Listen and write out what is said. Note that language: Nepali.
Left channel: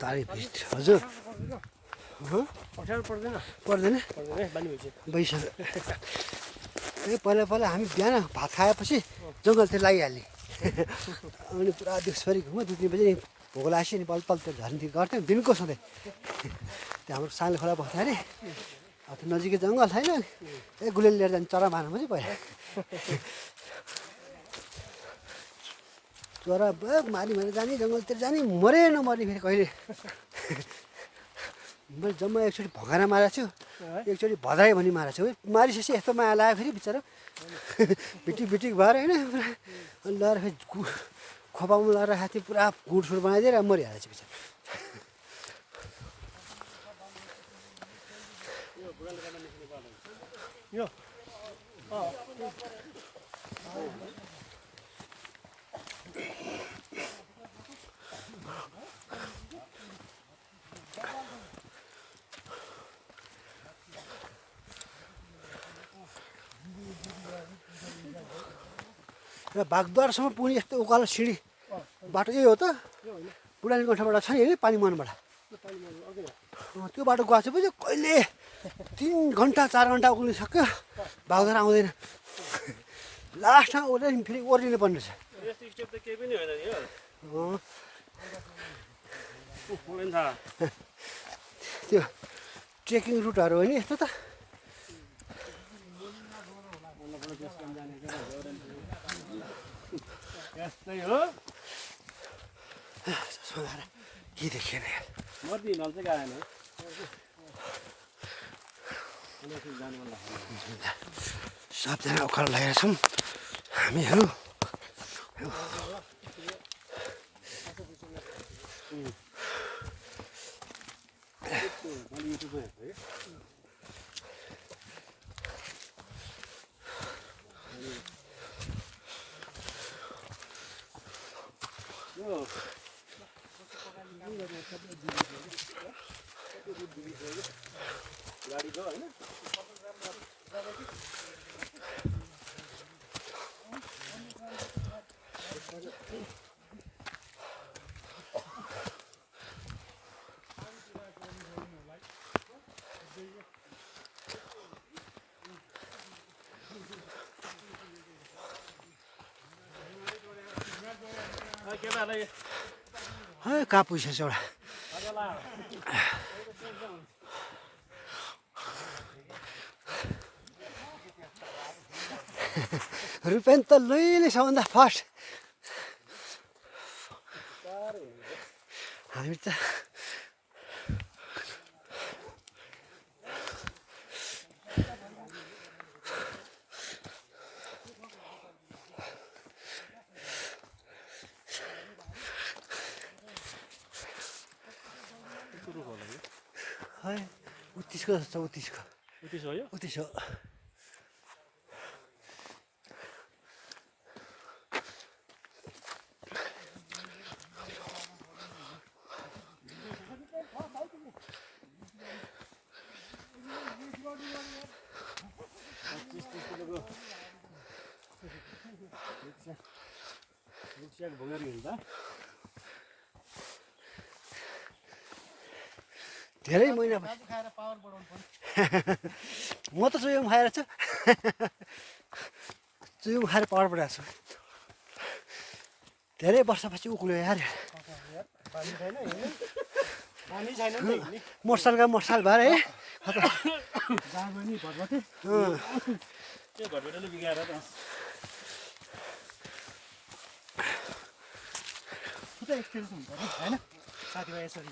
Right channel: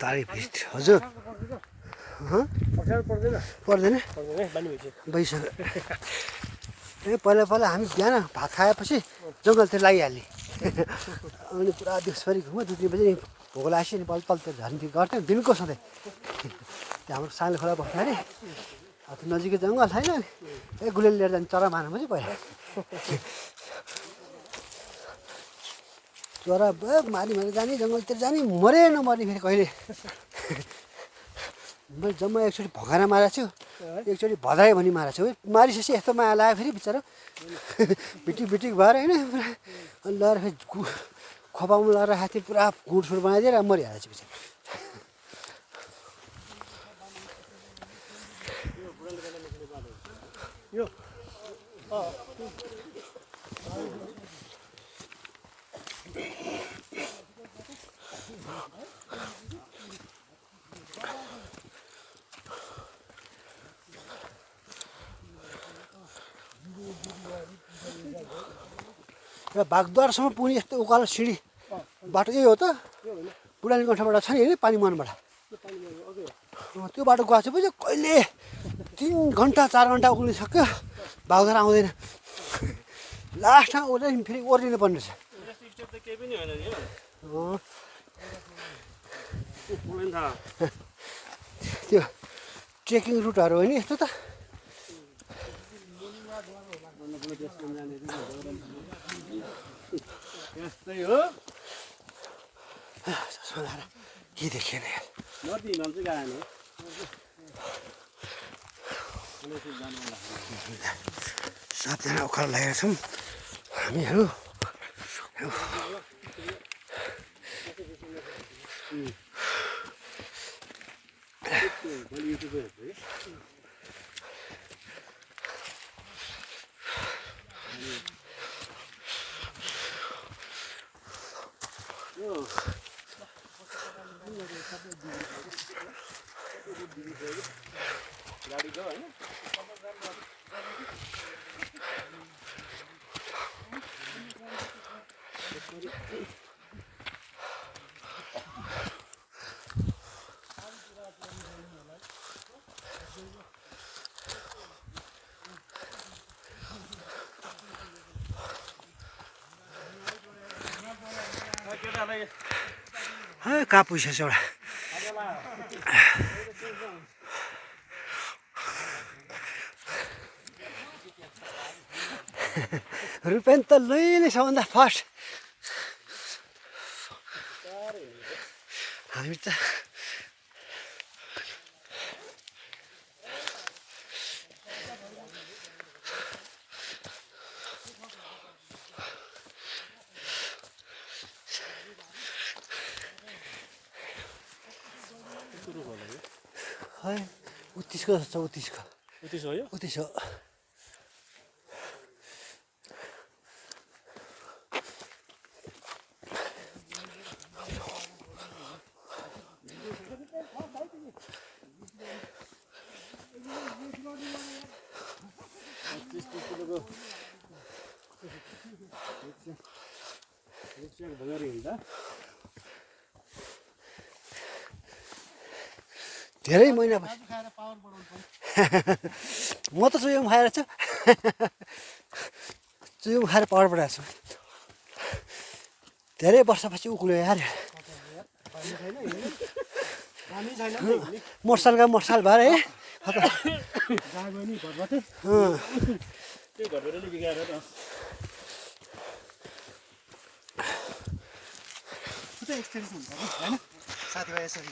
तारी भिड हजुर पर्दैन भइसक्यो पहिला पहिला हामी बिहान भात खाएपछि जङ्गलतिर लागिहाल्ने अनि पुरा दिउँसभरि घुम्यो 2-3 बजी भोक लागेपछि नि पल पल झर्ने गर्थ्यौँ दिनको सधैँ त्यहाँ हाम्रो सानो खोला बस्दाखेरि अब त नजिकै जङ्गल छैन गुलेल लिएर जाने चरा मार्नु पनि पहिला चरा मारी मारी जाने जङ्गलतिर जाने मरे नमर्ने फेरि कहिले मैले जम्मा एकचोटि भगाएर मारेको छु एकचोटि भदाए भनी मारेको छु मारिसकेपछि यस्तो माया लाग्यो फेरि बिचरा भिटिक भिटिक भएर होइन अनि लगाएर फेरि खोपामा लगाएर राखेको थिएँ पुरा गुडसुड बनाइदिएर मरिहालेको छु बिचरा र बागद्वारसम्म पुग्ने यस्तो उकालो सिँढी बाटो यही हो त बुढानी गण्ठाबाट छ नि होइन पानी मुहानबाट त्यो बाटो गएको छु पछि कहिले 3 घन्टा 4 घन्टा उक्लिसक्यो बागद्वार आउँदैन लास्टमा ओर्लिनु फेरि ओर्लिनु पर्ने रहेछ त्यो ट्रेकिङ रुटहरू हो नि यस्तो त के देखेर सबजना उकालो लागेका छौँ हामीहरू कहाँ पुगिसकेछ एउटा रुपेन त लैले सबभन्दा फर्स्ट हामी त उत्तिसको जस्तो छ उत्तिसको उत्तिस हो धेरै महिना म त चुयोम खाएर छु चुयोम खाएर पावर बढाएको छु धेरै वर्षपछि उक्ल्यो यार मोटरसाइकल भएर है साथीभाइ यसरी